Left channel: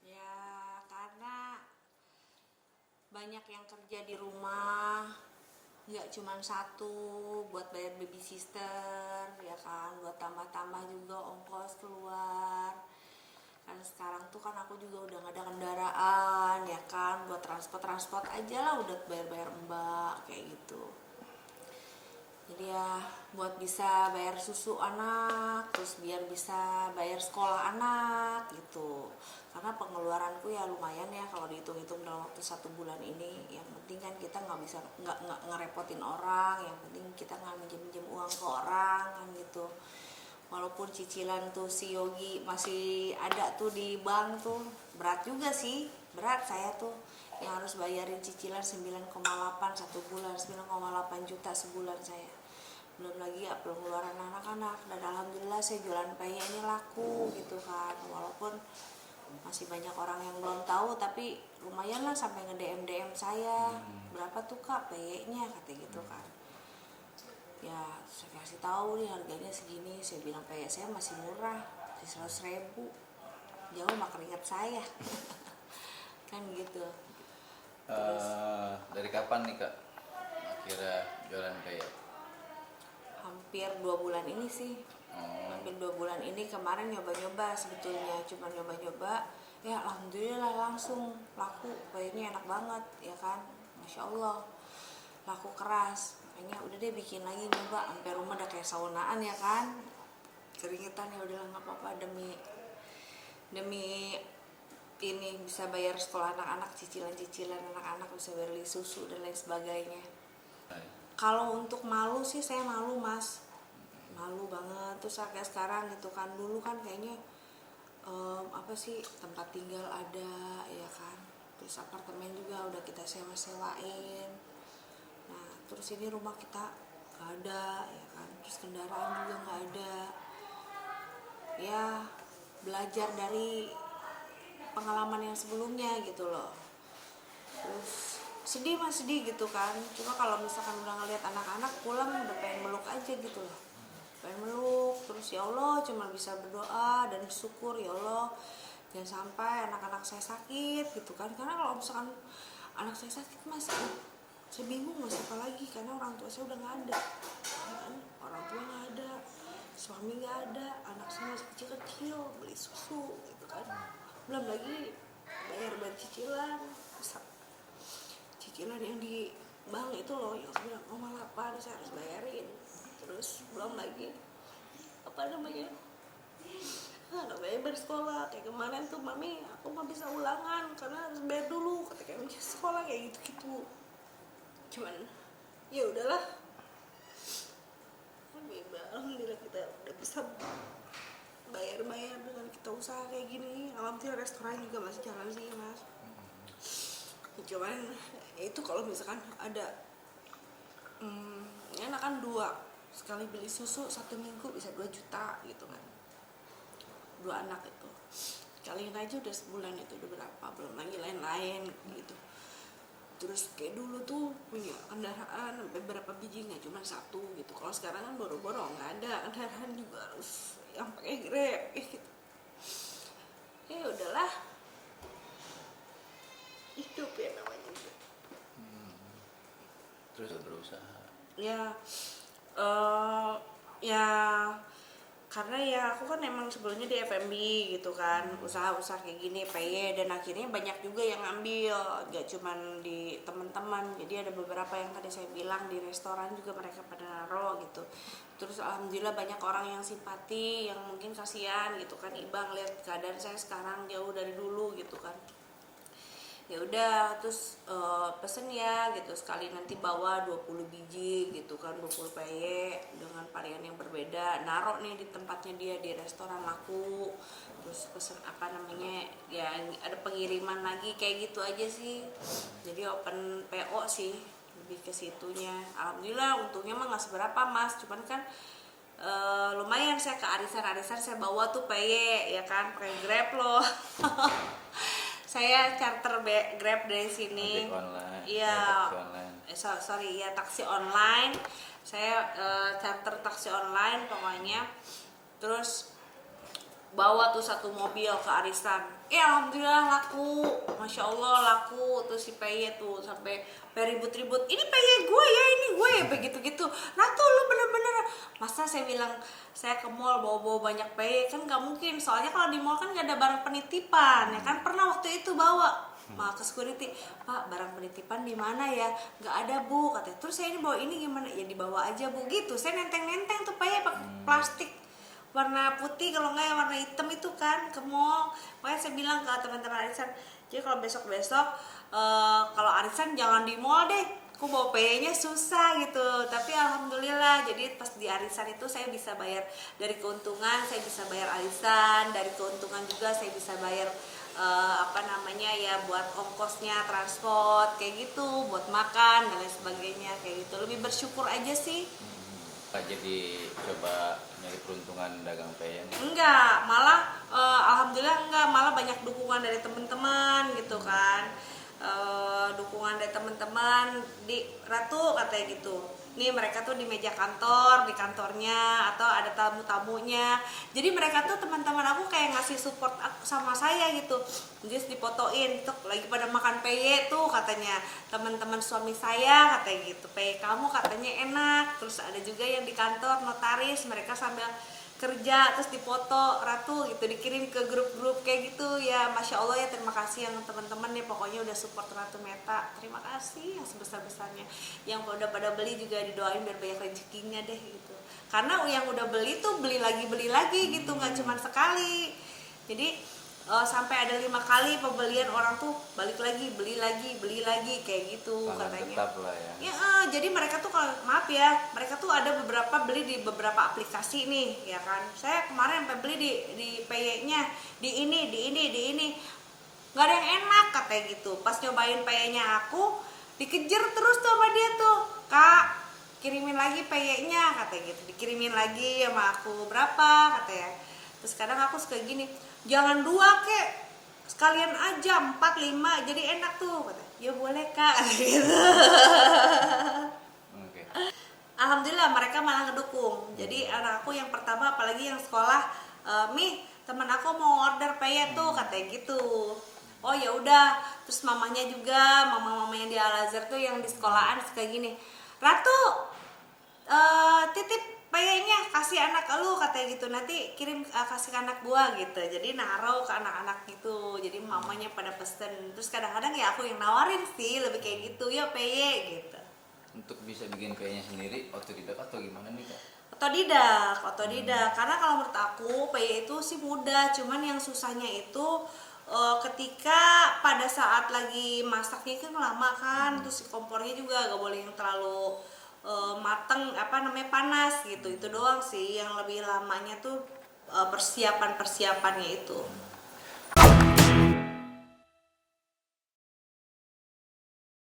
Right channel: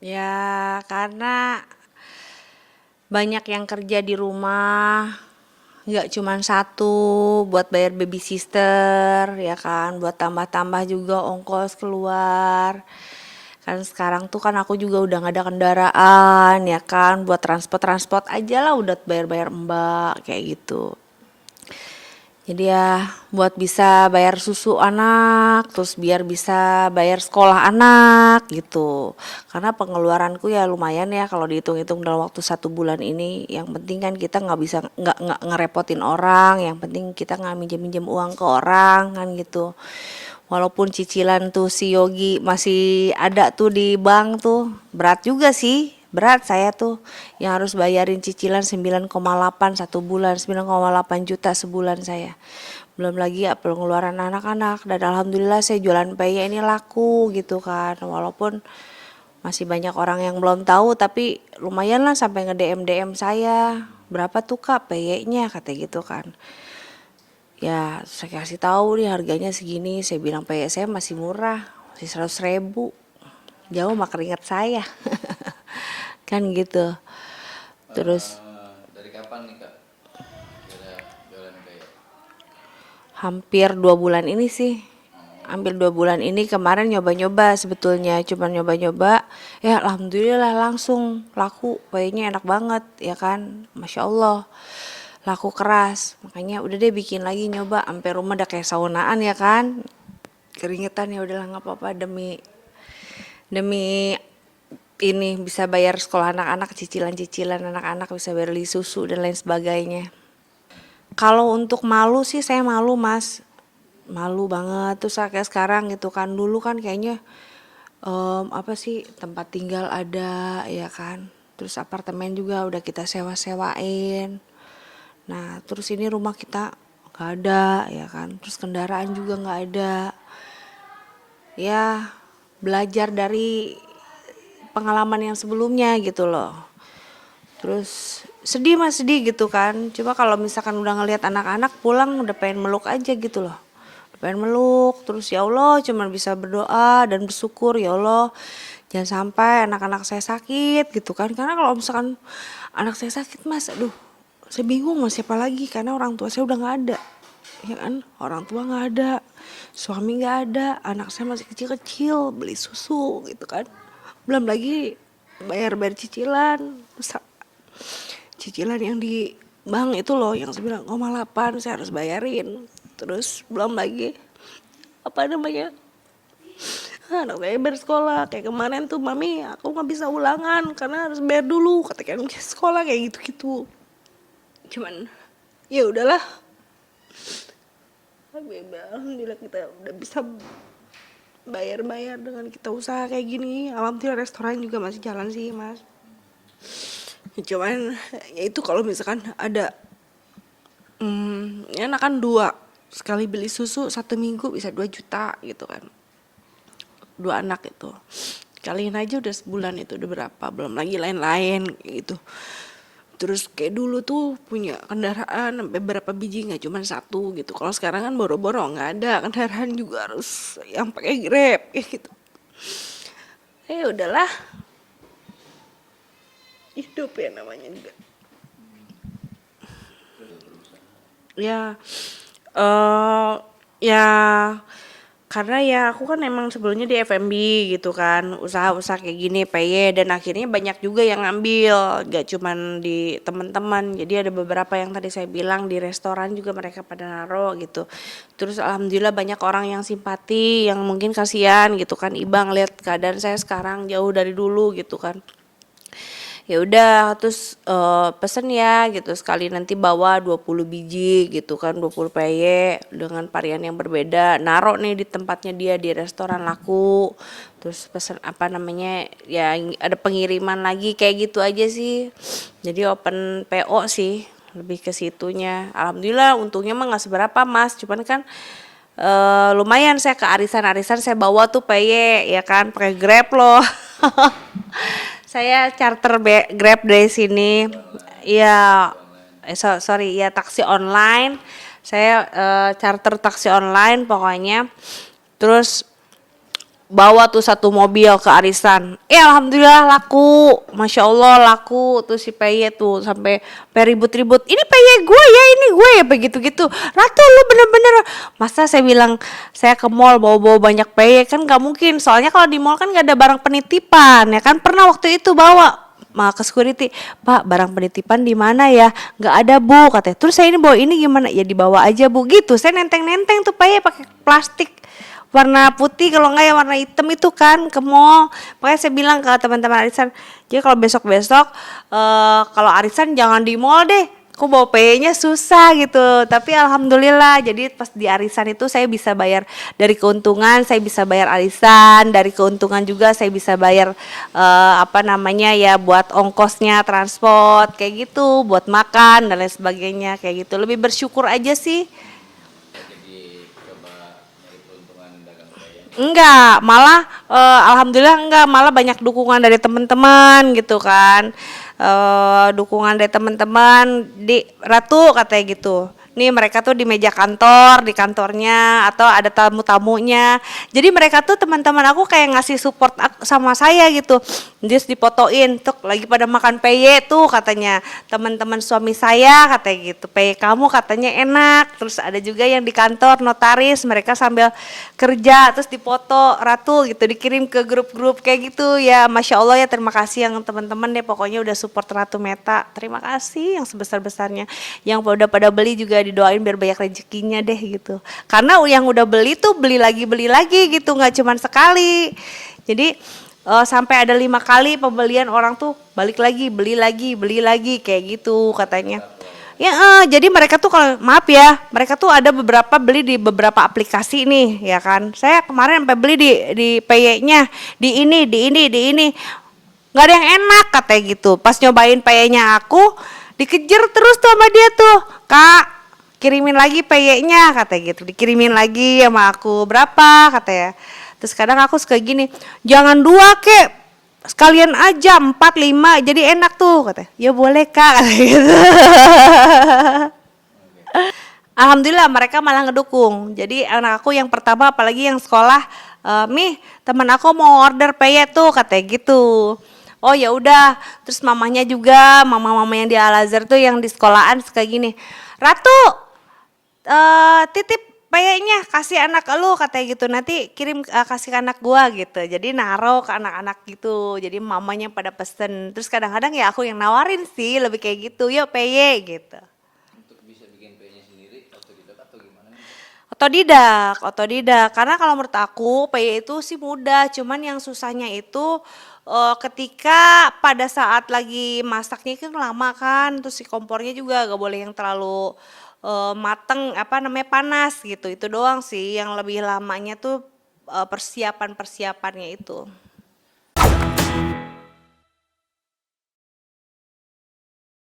Ya, karena banyak yang kerja di rumah, nggak cuman satu, buat bayar babysitter, ya kan, buat tambah-tambah juga ongkos keluar. Kan sekarang tuh kan aku juga udah nggak ada kendaraan, ya kan, buat transport-transport aja lah udah bayar-bayar mbak, kayak gitu. Jadi ya buat bisa bayar susu anak, terus biar bisa bayar sekolah anak gitu. Karena pengeluaranku ya lumayan ya kalau dihitung-hitung dalam waktu 1 bulan ini. Yang penting kan kita nggak bisa nggak ngerepotin orang. Yang penting kita nggak minjem-minjem uang ke orang kan gitu. Walaupun cicilan tuh si Yogi masih ada tuh di bank tuh, berat juga sih. Berat saya tuh yang harus bayarin cicilan 9,8 1 bulan, 9,8 juta sebulan saya. Belum lagi ya pengeluaran anak-anak, dan alhamdulillah saya jualan peye ini laku gitu kan. Walaupun masih banyak orang yang belum tahu, tapi lumayan lah sampai nge-DM saya. Berapa tuh Kak peye-nya kata gitu kan. Ya saya kasih tahu nih harganya segini, saya bilang peye saya masih murah, masih 100 ribu, jauh mah keringat saya. Kan gitu. Terus Dari kapan nih kak kira jualan peyek? hampir 2 bulan ini sih, Oh, hampir 2 bulan ini. Kemarin nyoba-nyoba sebetulnya, cuman nyoba-nyoba, ya alhamdulillah langsung laku, payenya enak banget ya kan, masya Allah, laku keras. Makanya udah deh bikin lagi, nyoba sampai rumah udah kayak saunaan ya kan, keringetan. Ya udahlah nggak apa-apa, demi demi ini bisa bayar sekolah anak-anak, cicilan-cicilan anak-anak, bisa bayar beli susu dan lain sebagainya. Kalau untuk malu sih saya malu mas, malu banget. Terus kayak sekarang gitu kan, dulu kan kayaknya apa sih, tempat tinggal ada ya kan, terus apartemen juga udah kita sewa-sewain. Nah terus ini rumah kita nggak ada ya kan, terus kendaraan juga nggak ada. Ya belajar dari pengalaman yang sebelumnya gitu loh. Terus sedih mas, sedih gitu kan. Cuma kalau misalkan udah ngelihat anak-anak pulang udah pengen meluk aja gitu loh. Udah pengen meluk, terus ya Allah cuma bisa berdoa dan bersyukur, ya Allah jangan sampai anak-anak saya sakit gitu kan. Karena kalau misalkan anak saya sakit mas, aduh saya bingung mau siapa lagi, karena orang tua saya udah nggak ada. Ya kan, orang tua nggak ada, suami nggak ada, anak saya masih kecil-kecil, beli susu gitu kan. Belum lagi bayar-bayar cicilan, cicilan yang di bank itu loh yang 9,8 saya harus bayarin. Terus belum lagi apa namanya, anak saya bersekolah. Kayak kemarin tuh, mami aku nggak bisa ulangan karena harus bayar dulu katanya sekolah, kayak gitu-gitu. Cuman ya udahlah, alhamdulillah kita udah bisa bayar-bayar dengan kita usaha kayak gini. Alhamdulillah restoran juga masih jalan sih mas. Cuman ya itu kalau misalkan ada enak kan dua, sekali beli susu 1 minggu bisa 2 juta gitu kan, 2 anak itu kaliin aja udah sebulan itu udah berapa, belum lagi lain-lain gitu. Terus kayak dulu tuh punya kendaraan sampai berapa biji, nggak cuma satu gitu. Kalau sekarang kan boro-boro nggak ada kendaraan juga, harus yang pakai Grab kayak gitu. Udahlah, hidup ya namanya juga. terus berusaha. Ya eh ya karena ya aku kan emang sebelumnya di F&B gitu kan, usaha-usaha kayak gini PY, dan akhirnya banyak juga yang ngambil, gak cuman di teman-teman. Jadi ada beberapa yang tadi saya bilang di restoran juga mereka pada naro gitu. Terus alhamdulillah banyak orang yang simpati, yang mungkin kasihan gitu kan, iba ngeliat keadaan saya sekarang jauh dari dulu gitu kan. Ya udah terus pesen ya gitu, sekali nanti bawa 20 biji gitu kan, 20 peye dengan varian yang berbeda, naruh nih di tempatnya dia di restoran laku. Terus pesen apa namanya ya, ada pengiriman lagi kayak gitu aja sih. Jadi open PO sih, lebih ke situnya. Alhamdulillah untungnya mah nggak seberapa mas, cuman kan lumayan saya ke arisan-arisan saya bawa tuh peye ya kan, pakai Grab loh. Saya charter Grab dari sini. Taksi online, Iya, taksi online. sorry ya, taksi online. Saya charter taksi online pokoknya. Terus bawa tuh satu mobil ke arisan. Alhamdulillah laku, masya Allah laku tuh si Peye tuh sampai ribut-ribut. Ini Peye gue ya, ini gue ya begitu-gitu. Ratu lu bener-bener, masa saya bilang saya ke mall bawa-bawa banyak Peye kan nggak mungkin. Soalnya kalau di mall kan nggak ada barang penitipan ya kan. Pernah waktu itu bawa ke security, Pak barang penitipan di mana ya? Nggak ada Bu katanya. Terus saya ini bawa ini gimana? Ya dibawa aja Bu gitu. Saya nenteng-nenteng tuh Peye pakai plastik warna putih kalau enggak ya warna hitam itu kan ke mall. Makanya saya bilang ke teman-teman arisan, jadi kalau besok-besok kalau arisan jangan di mall deh. Aku bawa PE-nya susah gitu. Tapi alhamdulillah jadi pas di arisan itu saya bisa bayar dari keuntungan, saya bisa bayar arisan, dari keuntungan juga saya bisa bayar apa namanya ya buat ongkosnya transport kayak gitu, buat makan dan lain sebagainya kayak gitu. Lebih bersyukur aja sih. Jadi coba nyari peruntungan dagang peyek. Enggak, malah alhamdulillah enggak, malah banyak dukungan dari teman-teman gitu kan. Dukungan dari teman-teman di Ratu katanya gitu. Nih mereka tuh di meja kantor, di kantornya atau ada tamu-tamunya. Jadi mereka tuh teman-teman aku kayak ngasih support sama saya gitu. Terus dipotoin, tuh lagi pada makan peye tuh katanya teman-teman suami saya katanya gitu. Peye kamu katanya enak. Terus ada juga yang di kantor notaris, mereka sambil kerja terus dipoto Ratu gitu dikirim ke grup-grup kayak gitu ya. Masya Allah ya, terima kasih yang teman-teman deh pokoknya udah support Ratu Meta. Terima kasih yang sebesar-besarnya. Yang udah pada beli juga didoain biar banyak rezekinya deh gitu. Karena yang udah beli tuh beli lagi gitu, nggak cuman sekali. Jadi sampai ada 5 kali pembelian orang tuh balik lagi beli lagi kayak gitu katanya. Ya, jadi mereka tuh kalau maaf ya, mereka tuh ada beberapa beli di beberapa aplikasi nih, ya kan. Saya kemarin sampai beli di PY-nya, di ini. Nggak ada yang enak katanya gitu. Pas nyobain PY-nya aku, dikejar terus tuh sama dia tuh, Kak, kirimin lagi PY-nya katanya gitu. Dikirimin lagi sama aku, berapa katanya. Terus kadang aku suka gini, jangan 2 kek, sekalian aja 4, 5 jadi enak tuh katanya. Ya boleh Kak katanya gitu. Alhamdulillah mereka malah ngedukung. Jadi anak aku yang pertama apalagi yang sekolah, Mih teman aku mau order peye tuh katanya gitu. Oh ya udah, terus mamanya juga, mama-mama yang di Al-Azhar tuh yang di sekolahan kayak gini. Ratu, titip peyenya kasih anak lu katanya gitu, nanti kirim kasih ke anak gua gitu. Jadi naro ke anak-anak gitu, jadi mamanya pada pesen. Terus kadang-kadang ya aku yang nawarin sih lebih kayak gitu, yuk peye gitu. Untuk bisa bikin peyeknya sendiri otodidak atau gimana nih Kak? Otodidak. Karena kalau menurut aku peye itu sih mudah, cuman yang susahnya itu ketika pada saat lagi masaknya kan lama kan, terus si kompornya juga gak boleh yang terlalu mateng apa namanya panas gitu. Itu doang sih yang lebih lamanya tuh persiapannya itu.